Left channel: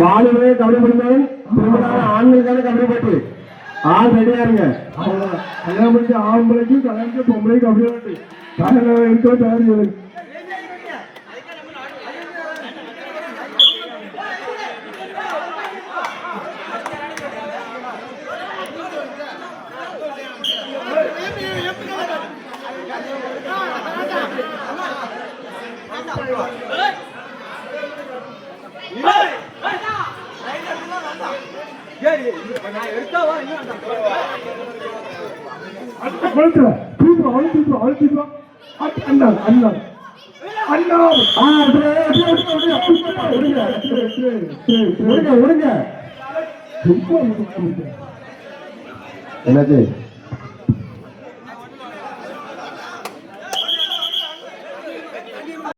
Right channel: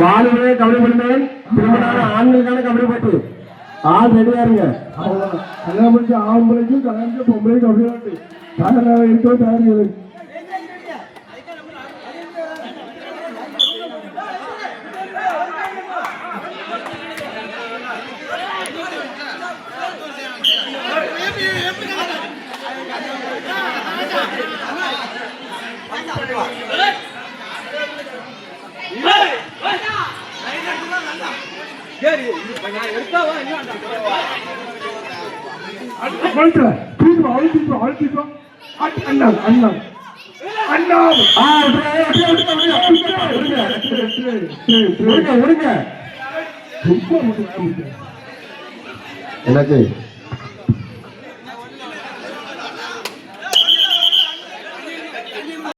வாழுவே கபடி பண்ணுவேன் ஆண்களுக்கான கபடி பட்டு ஆள் ரெடியா இருங்க. கல்யாணம் பண்ணி ஆம்பளைக்கும் கல்யாணம் பொம்பளைக்கும் கபடி பட்டு தயாராக இருக்கோ தயார். என்னாச்சு?